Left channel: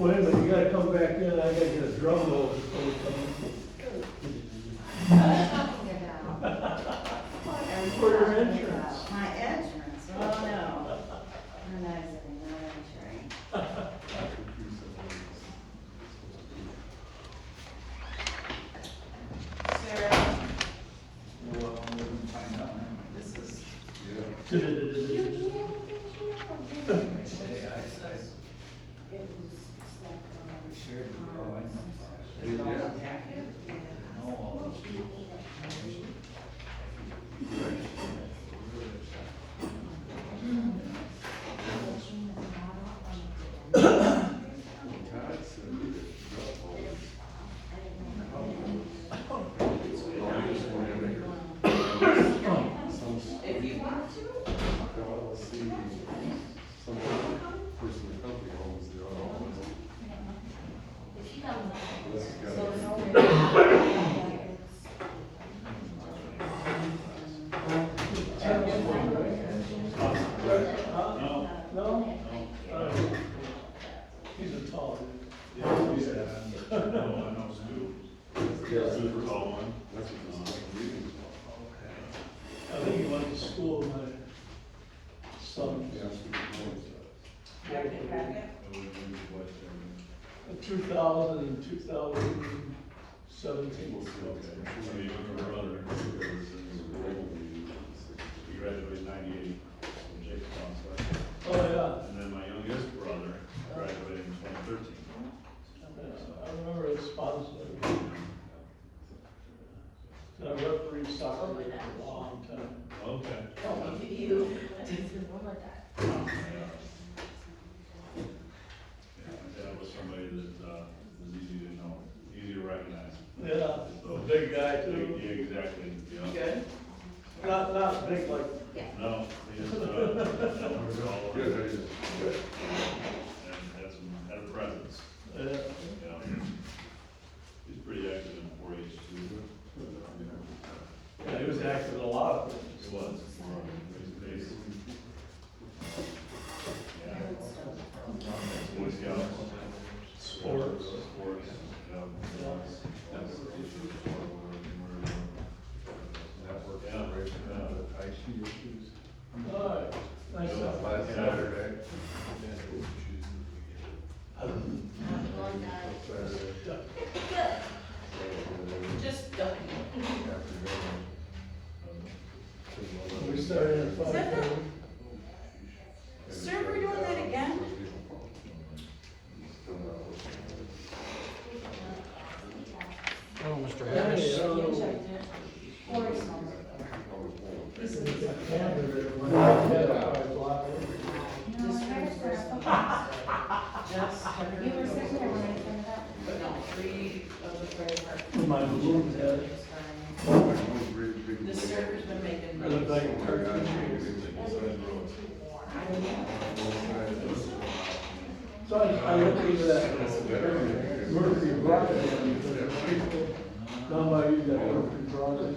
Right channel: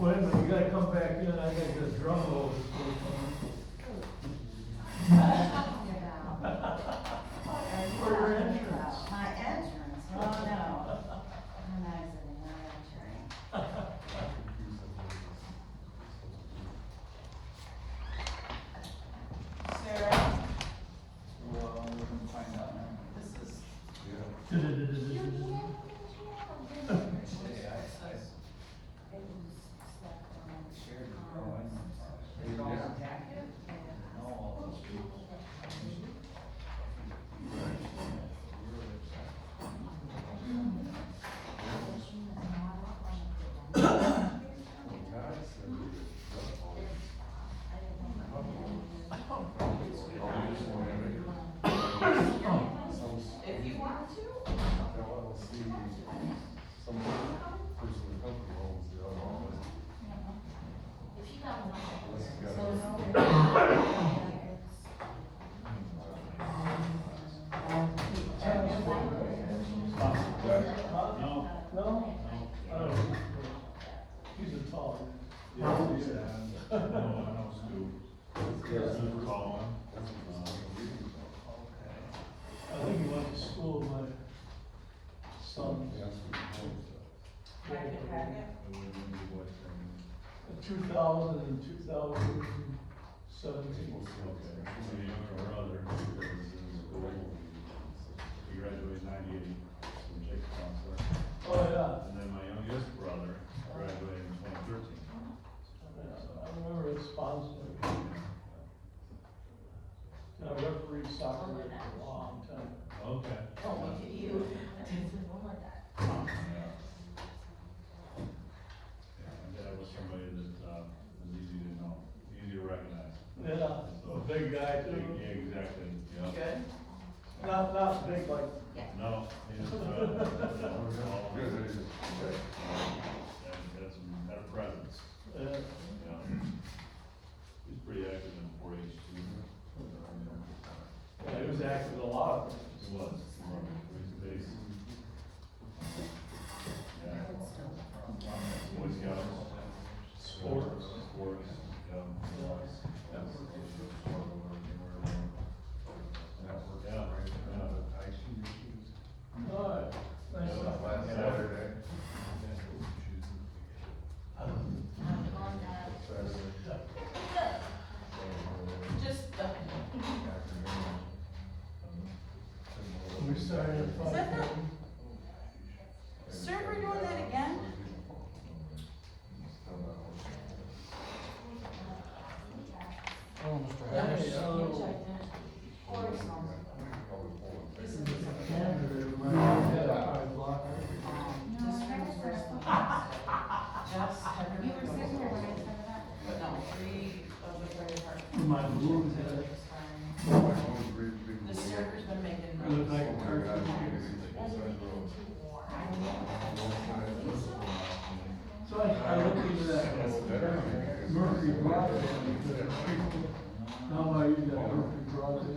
Wait a minute, you gotta come back in, I gotta get a drum roll before we come in. For your entrance. My entrance, oh no. I'm not exiting, not entering. Sarah, this is. If you want to. No? He's a tall I think he went to school with my son. In 2000 and 2017. Graduated '98 from Jacob Square. Oh, yeah. And then my youngest brother graduated in 2013. I remember his sponsor. And I refereed soccer for a long time. Okay. You. That was somebody that was easy to know, easy to recognize. Yeah, a big guy too. Yeah, exactly. Yeah. Good? Not big like, No, he's, all Good, and hey. that's had a presence. uh, You know, he's pretty active in 4-H too. yeah, he was active in a lot of things. He was. He's- Yeah. Boy Scouts. Sports. You know. All right, nice stuff. Last Saturday. Just don't. We started at Is that 5:30. Sir, we're doing that again? Oh, Mr. Hey, Harris. You were sitting there when I sent it up? No, 3 of the fire department. My balloon head, The server's been making. I look like a turkey. So I looked into that Mercury broadband, down by you, that Mercury broadband,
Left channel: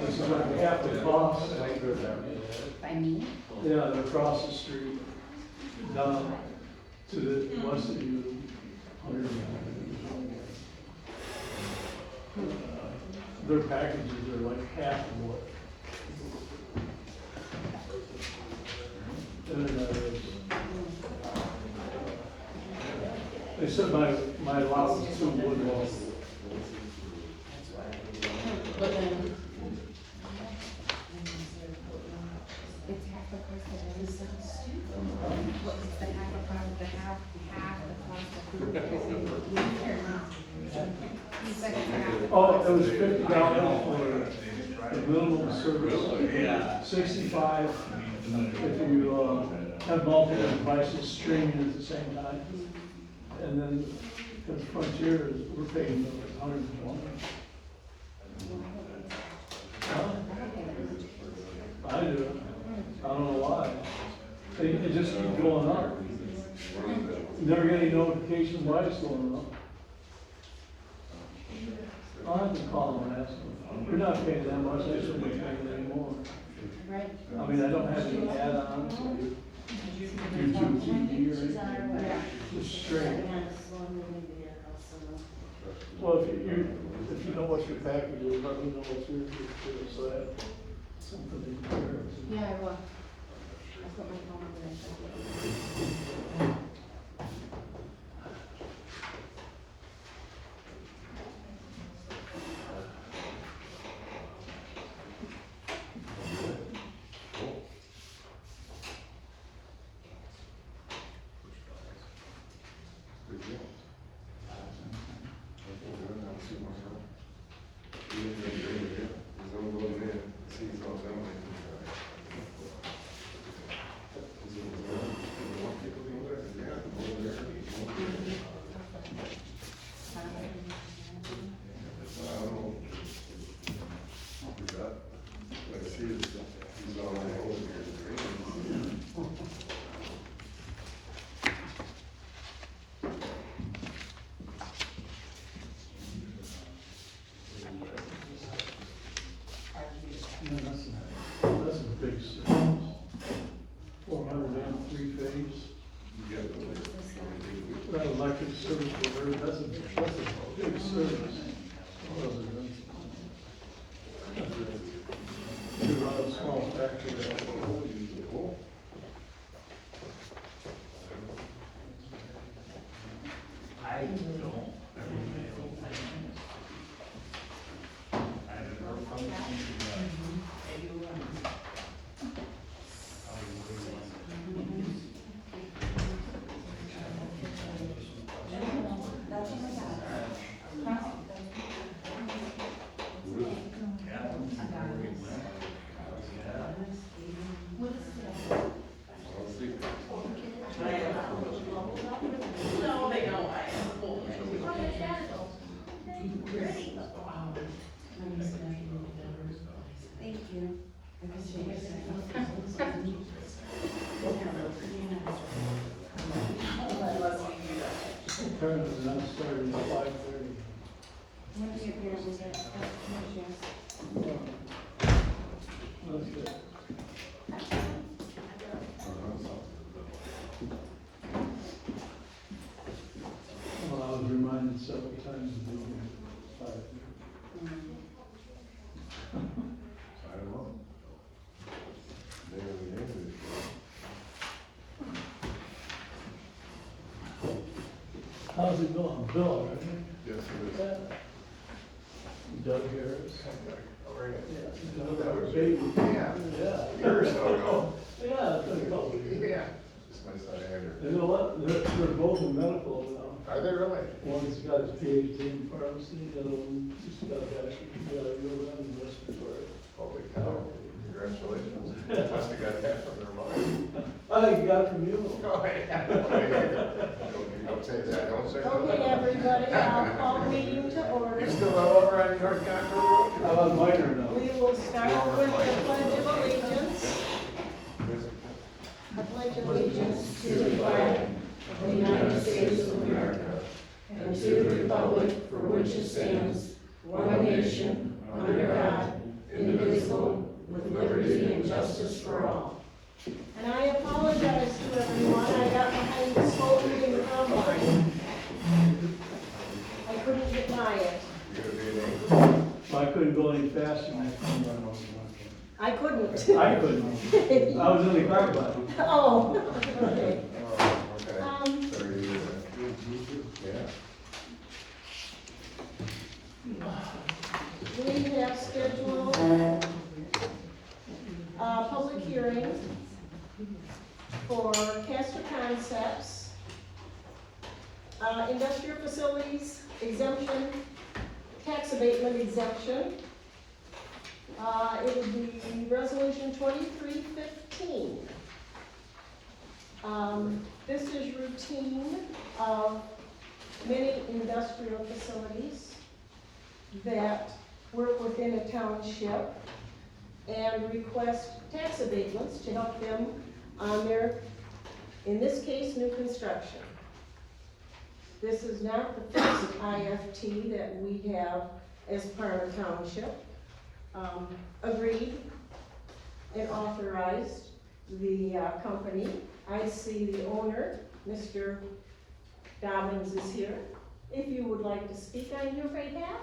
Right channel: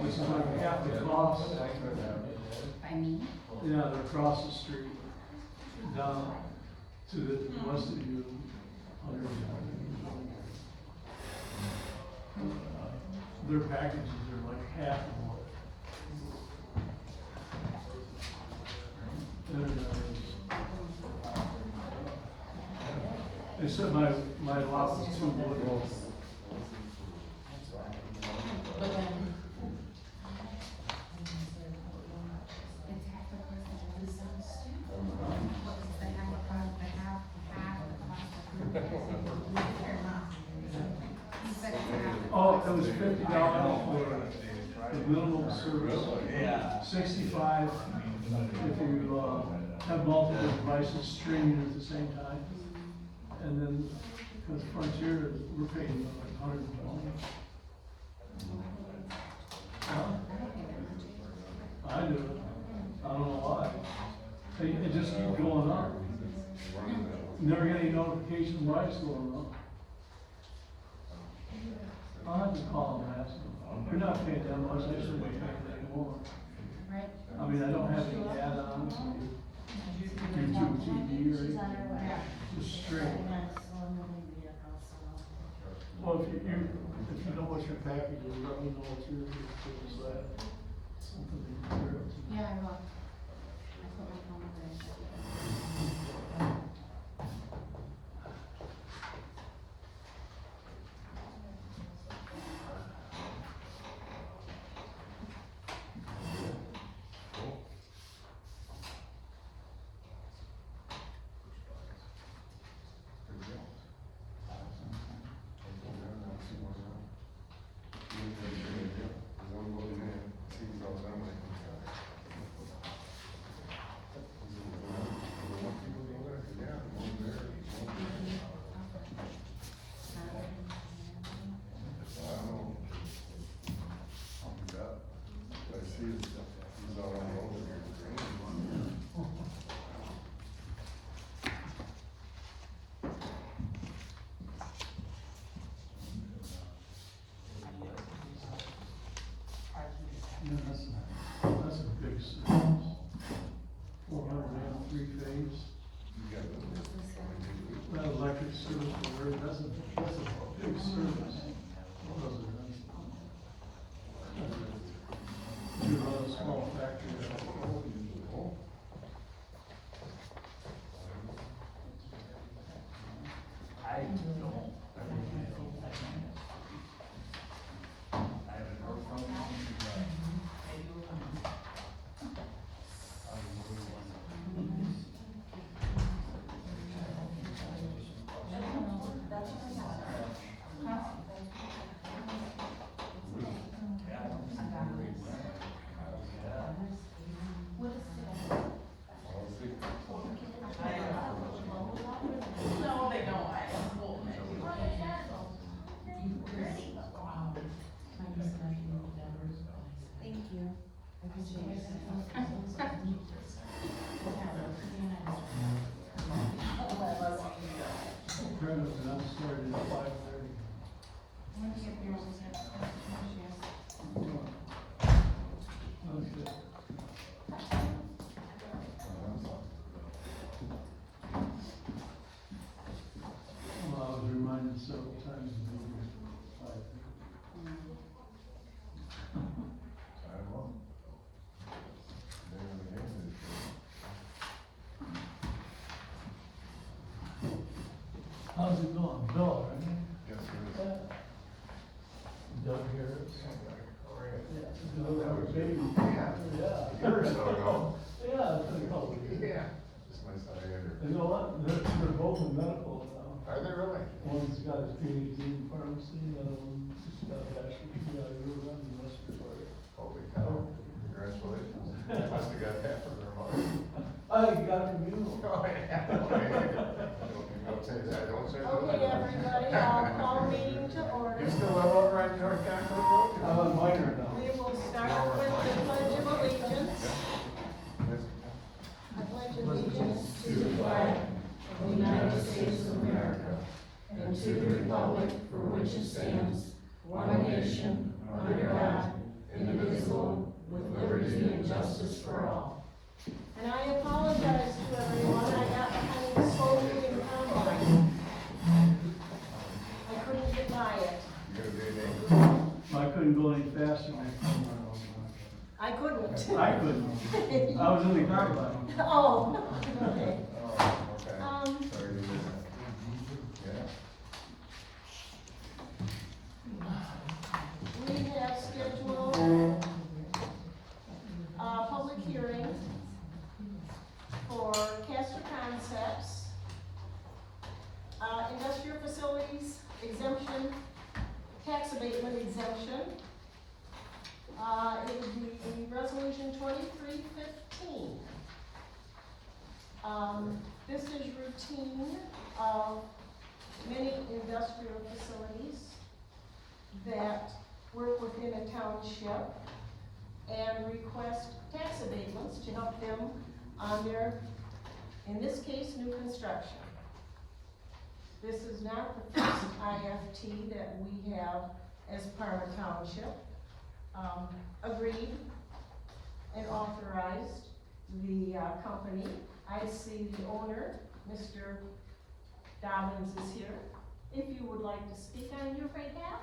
which is like half the cost. By me? Yeah, they're across the street, down to the west of you, 100. Their packages are like half of what. And, they said my lot was too wooded. But then. It's half the cost of it. It's so stupid. What is the half the cost of the half the cost of the. It's like it's half the Oh, cost. it was $50 for the minimum service, 65 if you, have multiple devices streaming at the same time. And then, because Frontier, we're paying 120. Huh? I do, I don't know why. It just keeps going up. Never get any notifications why it's going up. I'll have to call them and ask them. We're not paying that much, they shouldn't be paying anymore. Right? I mean, I don't have any add-ons. Did you YouTube She's on her way. just straight. Yeah, slow moving vehicle, so. Well, if you know what your package is, let me know what your, so I have something to compare it to. Yeah, I will. I put my phone in there. That's a big service. 403 phase. That electric service delivery, that's a big service. To run a small factory. Thank you. Apparently not starting at 5:30. When do you hear was that? That's good. Well, I was reminded several times to be here at 5:30. I don't know. How's it going? Bill, right? Yes, it is. Doug Harris. That was Baby. Yeah. Yeah. Year or so ago. Yeah, it's been a couple of years. Yeah. It's my son Andrew. You know what? They're both in medical now. Are they really? One's got his PhD in pharmacy, the other one just got a bachelor's in respiratory. Holy cow. Congratulations. Must have got half of their money. Oh, you got it from you? Don't say that, don't say that. Okay, everybody, I'll call the meeting to order. You still live over on York County Road? I love minor now. We will start with the pledge of allegiance. I pledge allegiance to the flag of the United States of America and to the republic for which it stands, one nation, under God, indivisible, with liberty and justice for all. And I apologize to everyone, I got behind the slow moving combine. I couldn't get by it. I couldn't go any faster than that come run over. I couldn't. I couldn't. I was in the car behind. Oh, okay. Okay. So are you, yeah. We have scheduled a public hearing for Castor Concepts, industrial facilities exemption, tax abatement exemption. It would be resolution 2315. This is routine of many industrial facilities that work within a township and request tax abatements to help them on their, in this case, new construction. This is not the first IFT that we have as Parma Township agreed and authorized. the company. I see the owner, Mr. Dobbins is here. If you would like to speak on your behalf.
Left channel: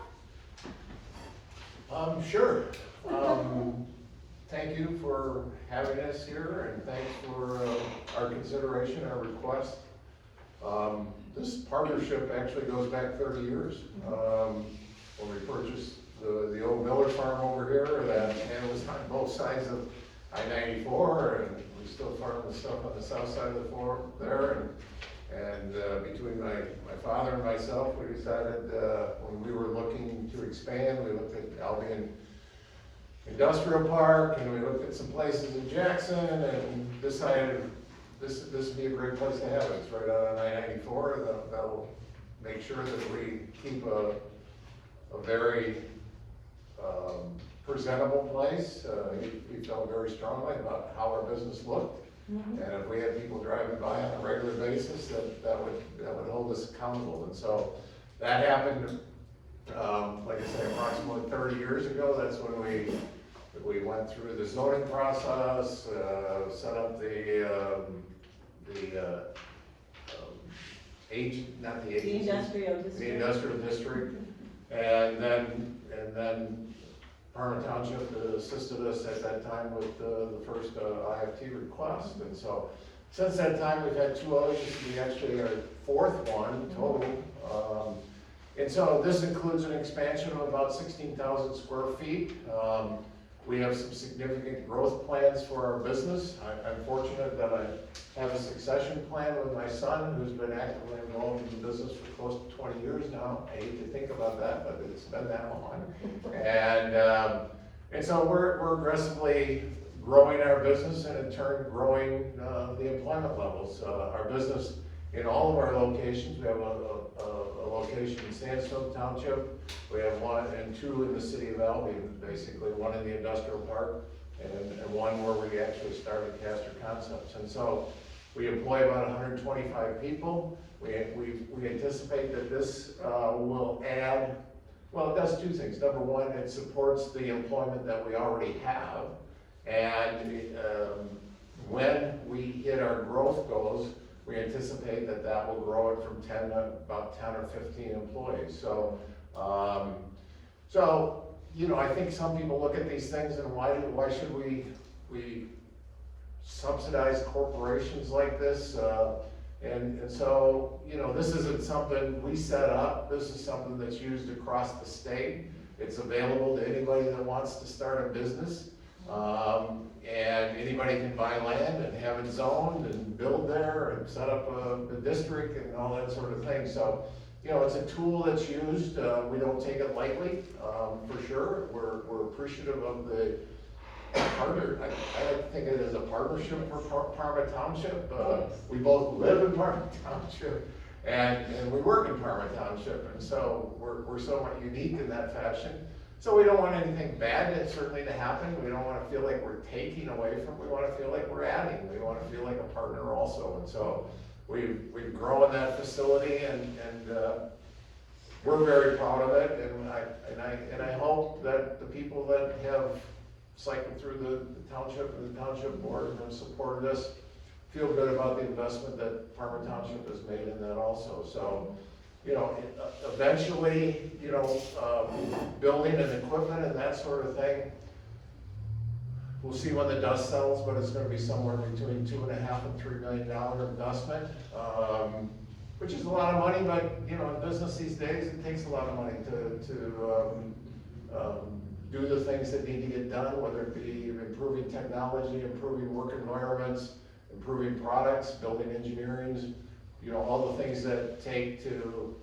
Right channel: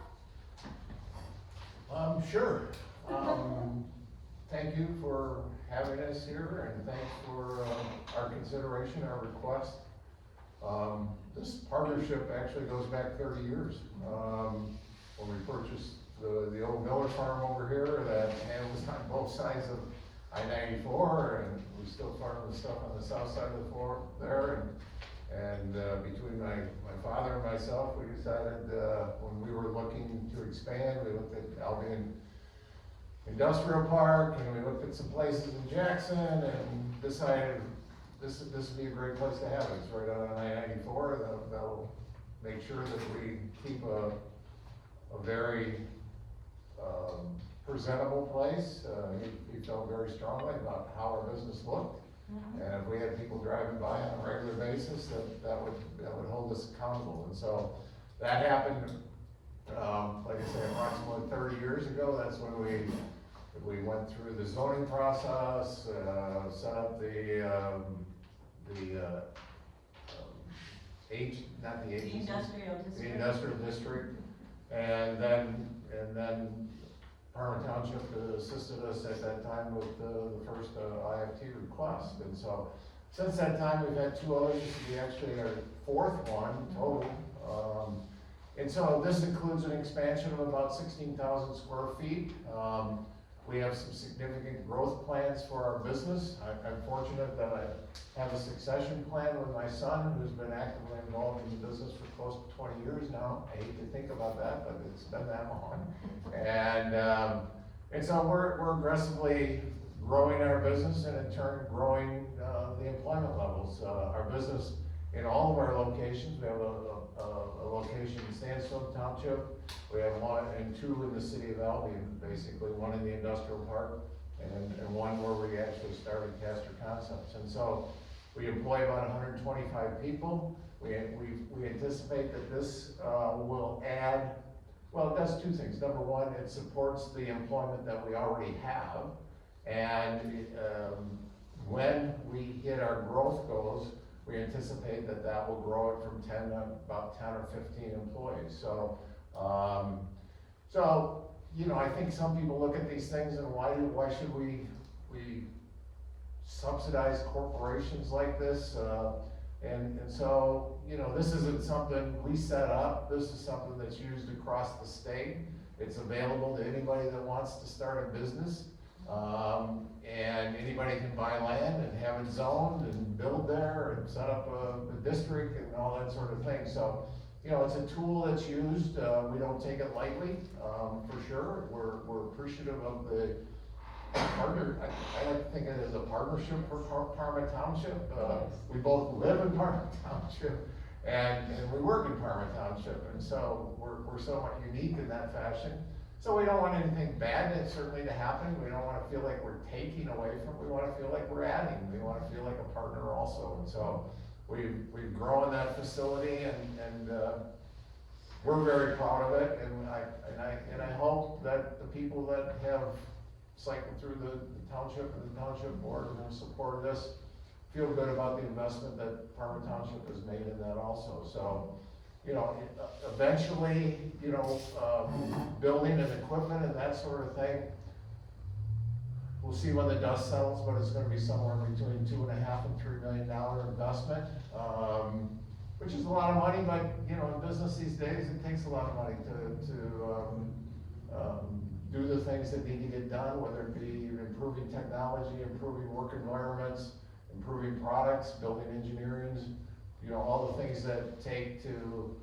Sure. Thank you for having us here, and thanks for our consideration, our request. This partnership actually goes back 30 years. When we purchased the old Miller farm over here, and it was on both sides of I-94, and we still farm the stuff on the south side of the farm there, and between my father and myself, we decided, when we were looking to expand, we looked at Albion Industrial Park, and we looked at some places in Jackson, and decided this would be a great place to have it. It's right out on I-94, that'll make sure that we keep a very presentable place. We felt very strongly about how our business looked. And if we had people driving by on a regular basis, that would hold us accountable. And so that happened, like I say, approximately 30 years ago. That's when we went through the zoning process, set up the Industrial district. The industrial district, and then Parma Township assisted us at that time with the first IFT request. And so since that time, we've had 2 others. We actually are 4th one total. And so this includes an expansion of about 16,000 square feet. We have some significant growth plans for our business. I'm fortunate that I have a succession plan with my son, who's been actively involved in the business for close to 20 years now. I hate to think about that, but it's been that long. And so we're aggressively growing our business, and in turn growing the employment levels. Our business in all of our locations, we have a location in Sandstone Township. We have 1 and 2 in the city of Albion, basically 1 in the industrial park, and 1 where we actually started Castor Concepts. And so we employ about 125 people. We anticipate that this will add, well, it does 2 things. Number 1, it supports the employment that we already have. And when we hit our growth goals, we anticipate that will grow it from 10 to about 10 or 15 employees. So, you know, I think some people look at these things and why should we subsidize corporations like this? And so, you know, this isn't something we set up. This is something that's used across the state. It's available to anybody that wants to start a business. And anybody can buy land and have it zoned and build there and set up a district and all that sort of thing. So, you know, it's a tool that's used. We don't take it lightly, for sure. We're appreciative of the partner. I like to think of it as a partnership for Parma Township. We both live in Parma Township and we work in Parma Township. And so we're somewhat unique in that fashion. So we don't want anything bad certainly to happen. We don't want to feel like we're taking away from, we want to feel like we're adding. We want to feel like a partner also. And so we've grown that facility and we're very proud of it. And I hope that the people that have cycled through the township and the township board and have supported us feel good about the investment that Parma Township has made in that also. So, you know, eventually, you know, building and equipment and that sort of thing, we'll see when the dust settles, but it's gonna be somewhere between $2.5 and $3 million investment, which is a lot of money, but, you know, in business these days, it takes a lot of money to do the things that need to get done, whether it be improving technology, improving work environments, improving products, building engineering, you know, all the things that take to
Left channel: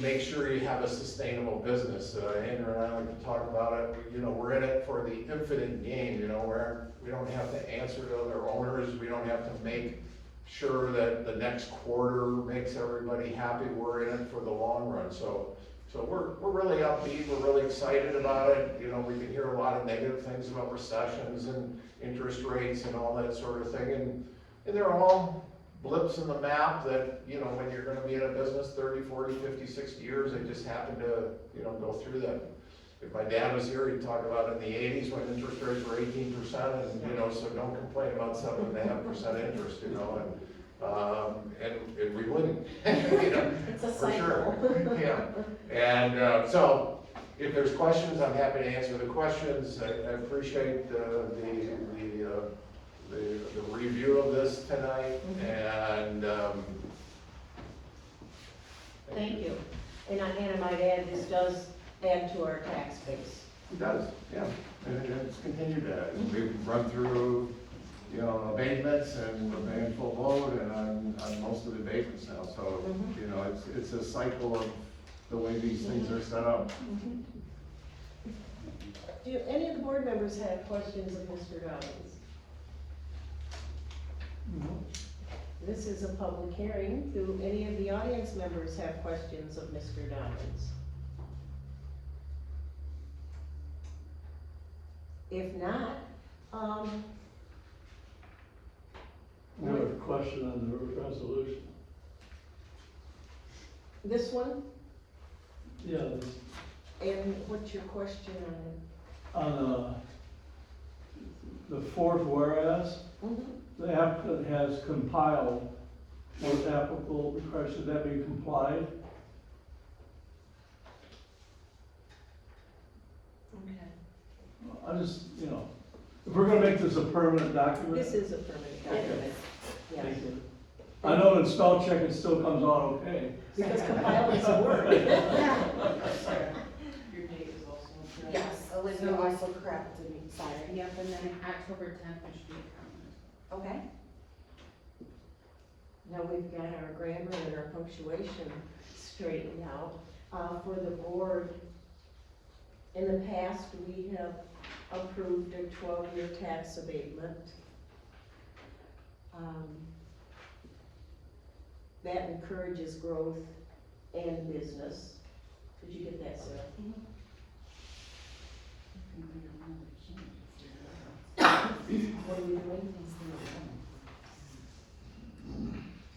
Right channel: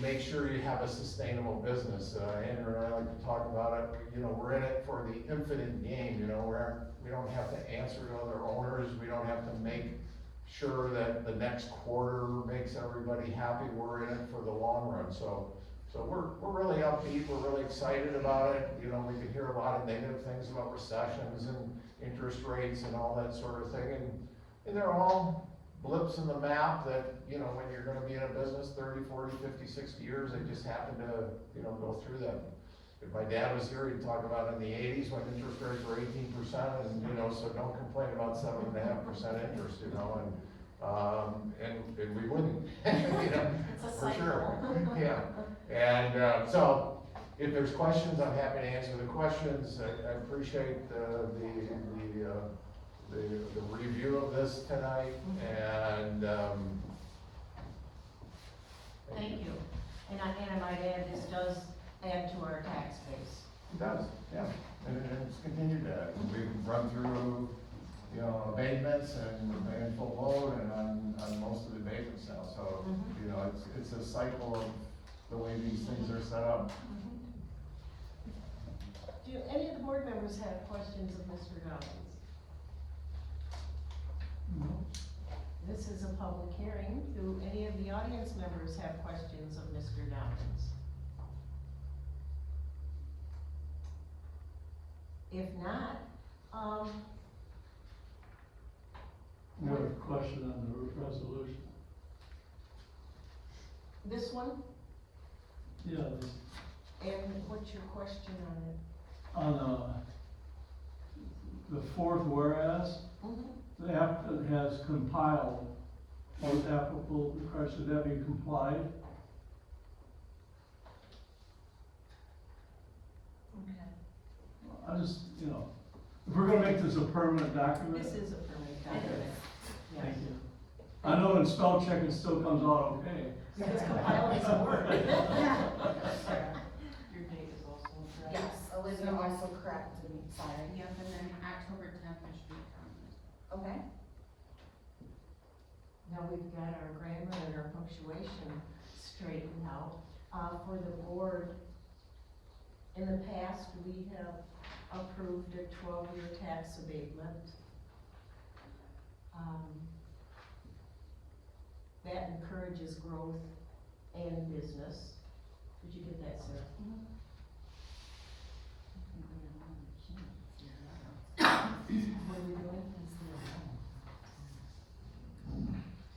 make sure you have a sustainable business. Andrew and I like to talk about it. You know, we're in it for the infinite game. You know, where we don't have to answer to other owners. We don't have to make sure that the next quarter makes everybody happy. We're in it for the long run. So we're really upbeat. We're really excited about it. You know, we can hear a lot of negative things about recessions and interest rates and all that sort of thing. And they're all blips in the map that, you know, when you're gonna be in a business 30, 40, 50, 60 years, they just happen to, you know, go through that. if my dad was here, he'd talk about in the eighties when interest rates were 18%, and, you know, so don't complain about 7.5% interest, you know, and we wouldn't. You know, It's a for cycle. sure. Yeah, and, so, if there's questions, I'm happy to answer the questions. I appreciate the review of this tonight, and, Thank you. And I might add, this does add to our tax base. It does, yeah, and it's continued to, we've run through, you know, abatements, and we're paying full load, and on most of the abatements now, so, Mhm. you know, it's a cycle of the way these things are set up. Do any of the board members have questions of Mr. Dobbins? No. This is a public hearing. Do any of the audience members have questions of Mr. Dobbins? If not, We have a question on the resolution. this one, Yeah, this, and what's your question on on, the fourth whereas, it? the applicant has compiled what applicable requires, should that be complied? Okay. I just, you know, if we're gonna make this a permanent document. This is a permanent document, yes. thank you. I know in spell check it still comes out okay. Because compile is a word. Your date is also. Yes, Olivia so- also corrected me, sorry. Yep, and then October 10th, it should be accounted. Okay. Now we've got our grammar and our punctuation straightened out. For the board, in the past, we have approved a 12-year tax abatement. That encourages growth and business. Did you get that, Sarah? What are we doing?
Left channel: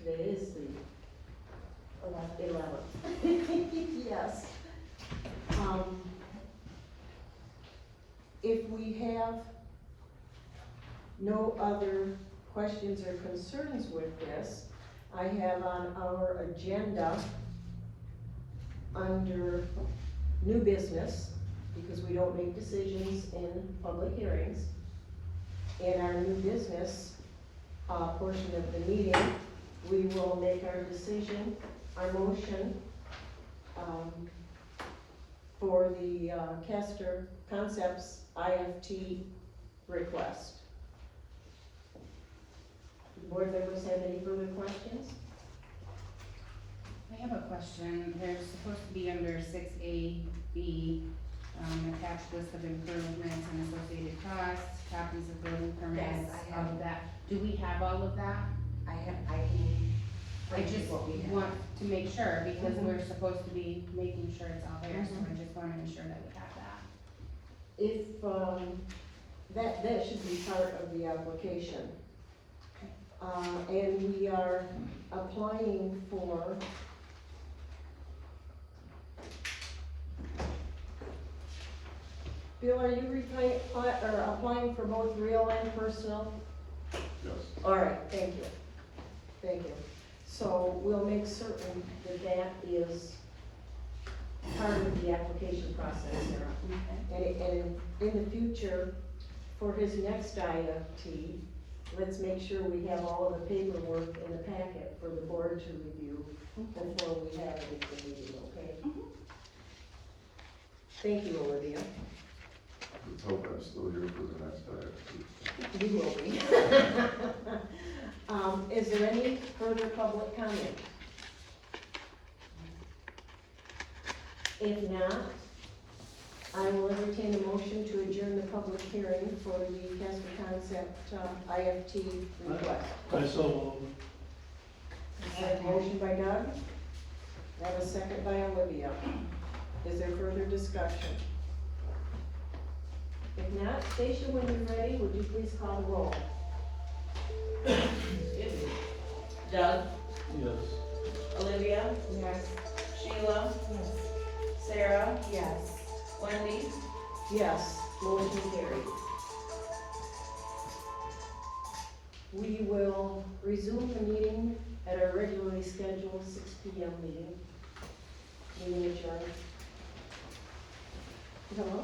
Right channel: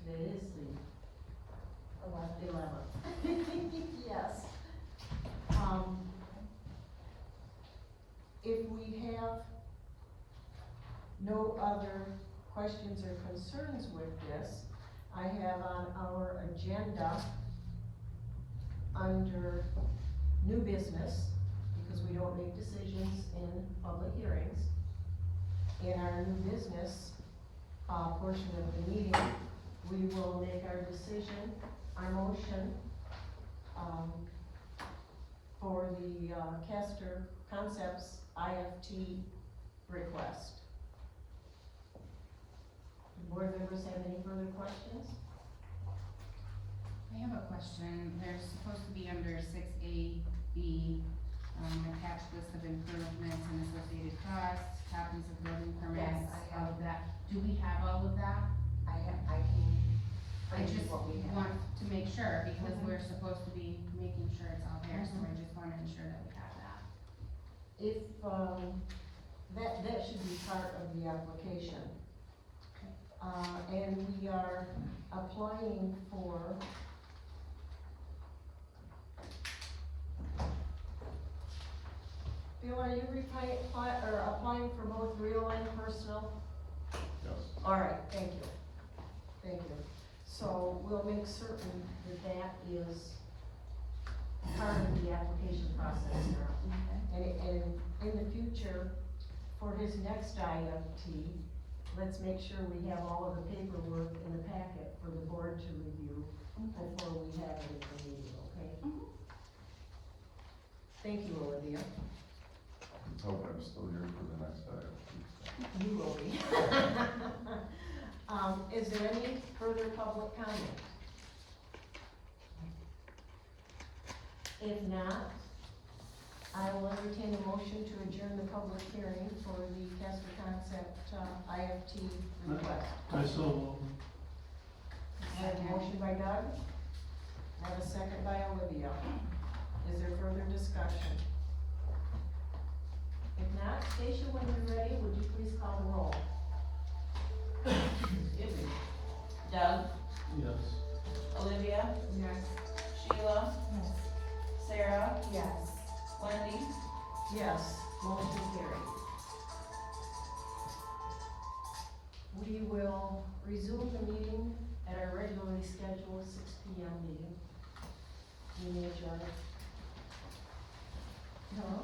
Today is the 11th. Yes. If we have no other questions or concerns with this, I have on our agenda, under new business, because we don't make decisions in public hearings, in our new business, portion of the meeting, we will make our decision, our motion, for the, Castor Concepts IFT request. Do board members have any further questions? I have a question. There's supposed to be under 6A-B, attached list of improvements and associated costs, copies of building permits, Yes, I have. of that. Do we have all of that? I just want to make sure, because Mhm. we're supposed to be making sure it's all there, so I just wanna ensure that we have that. If, that should be part of the application. And we are applying for Bill, are you applying for both real and personal? Yes. All right, thank you. Thank you. So we'll make certain that that is part of the application process, Sarah. And in the future, for his next IFT, let's make sure we have all of the paperwork in the packet for the board to review before we have anything to do, okay? Thank you, Olivia. Let's hope I'm still here for the next time. You will be. Is there any further public comment? If not, I will entertain a motion to adjourn the public hearing for the Castor Concept IFT request. I so move. I have a motion by Doug, I have a second by Olivia. Is there further discussion? If not, Stacia, when you're ready, would you please call the roll? Doug, Yes. Olivia, Yes. Sheila, Sarah, Yes. Wendy? Yes, motion carried. We will resume the meeting at our regularly scheduled 6 p.m. meeting. Meeting adjourned. Hello?